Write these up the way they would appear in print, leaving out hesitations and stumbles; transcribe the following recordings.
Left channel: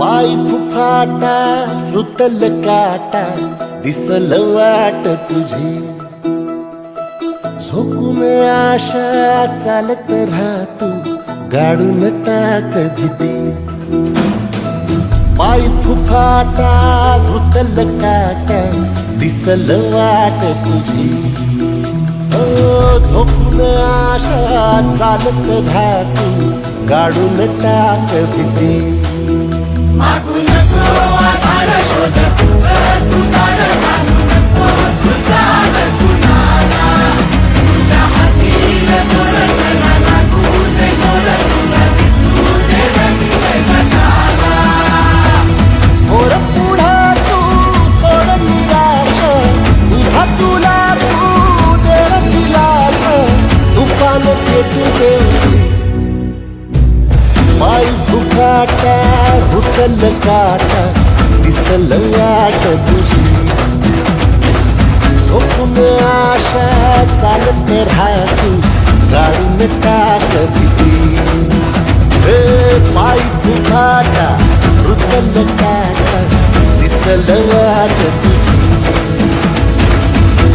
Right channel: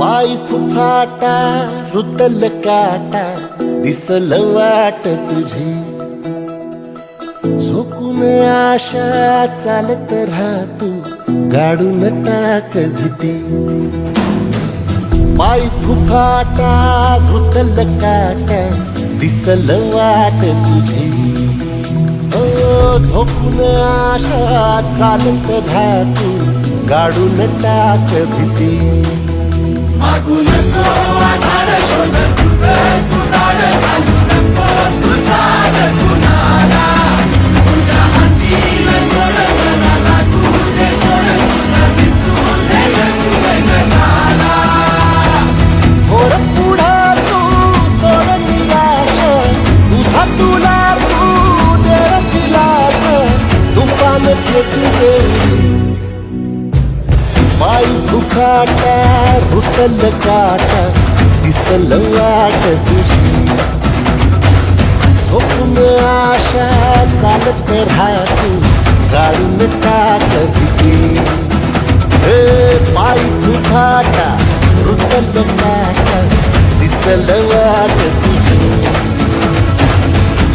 पाय फुफाटा रुतल काटा दिसल वाट तुझी झोकून आशा चालत राहतू गाडून टाक भीती पाय फुफाटा रुतल काटा दिसल वाट तुझी हो झोकून आशा चालत राहतू गाडून टाक भीती मागू नको आधार शोध तुझं तू दाड घालू नको तू साध कुणाला तुझ्या हातीन जोर जरा लागू दे जोर तुझा दिसू दे रंग जगाला होर पुढे तू सोड निराश तुझा तुला तू दे दिलास तुफान पेटू देऊरी पाय फुफाटा रुतल काटा दिसल वाट तुझी झोपून आशा चालत राहतू गाडून टाक भीती हे पाय फुफाटा रुतल काटा दिसल वाट तुझी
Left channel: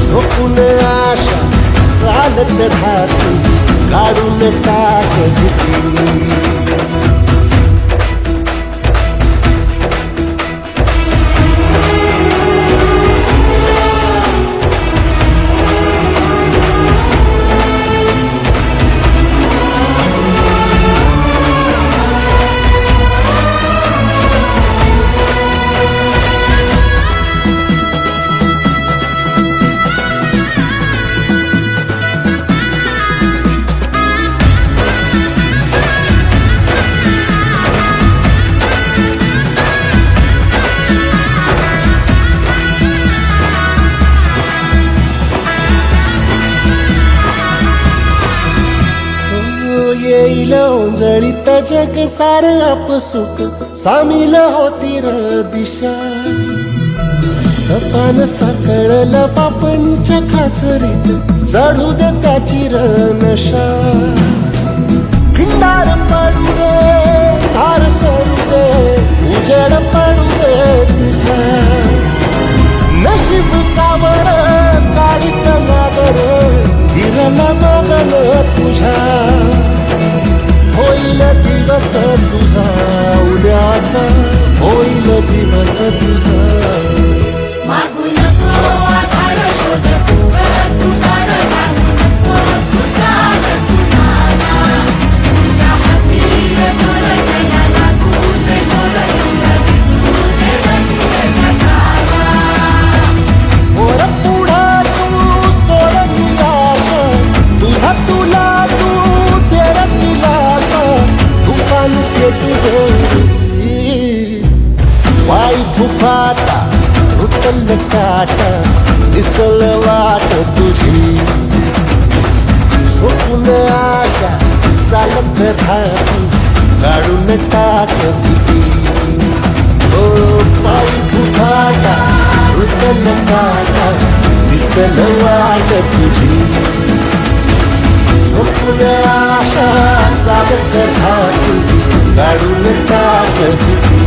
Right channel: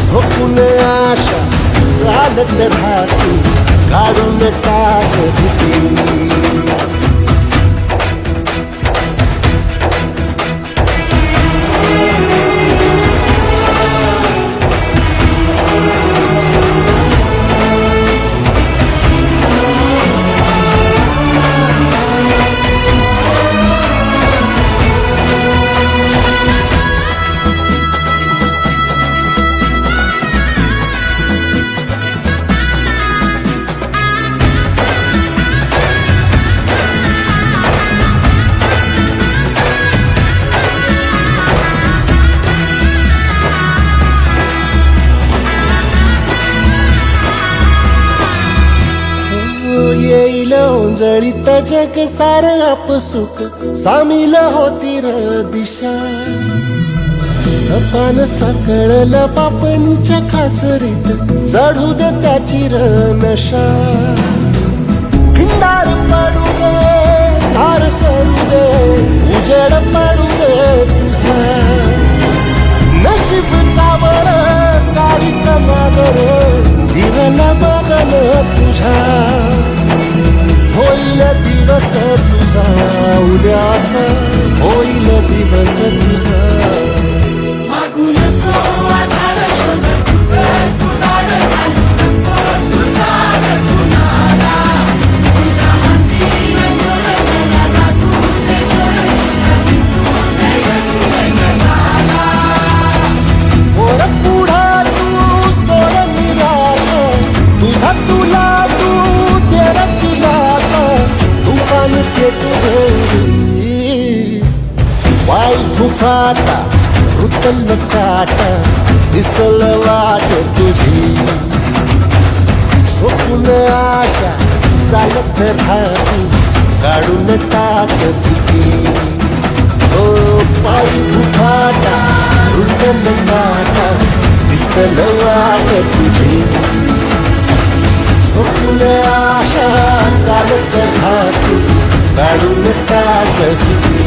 झोपून आशा चालत राहतू गाडून टाक भीती येईल ओंजळीत जग सार आपसुक सामील होती र दिशा सपान साकळल पापणीच्या खाचरीत चढू दे त्याची र नशा खिंडार पडू दे धार सरू दे उजेड पडू दे तुझा नशीब चावर काढीत मागर फिरला बघन तुझा होईल दिवस तुझा उद्याचा होईल दिवस तुझा मागू नको आधार शोध तुझं तू दाड घालू नको तू साध कुणाला तुझ्या हातीन जोर जरा लागू दे जोर तुझा दिसू दे रंग जगाला वर पुढे तू सोड निराश तुझा तुला तू तेर दिलास तुफान पेटू देऊरी पाय फुफाटा रुतल काटा दिसल वाट तुझी झोपून आशा चालत राहतू गाडून टाक भीती हो पाय फुफाटा रुतल काटा दिसल वाट तुझी झोपून आशा चालत राहतू गाडून टाक भीती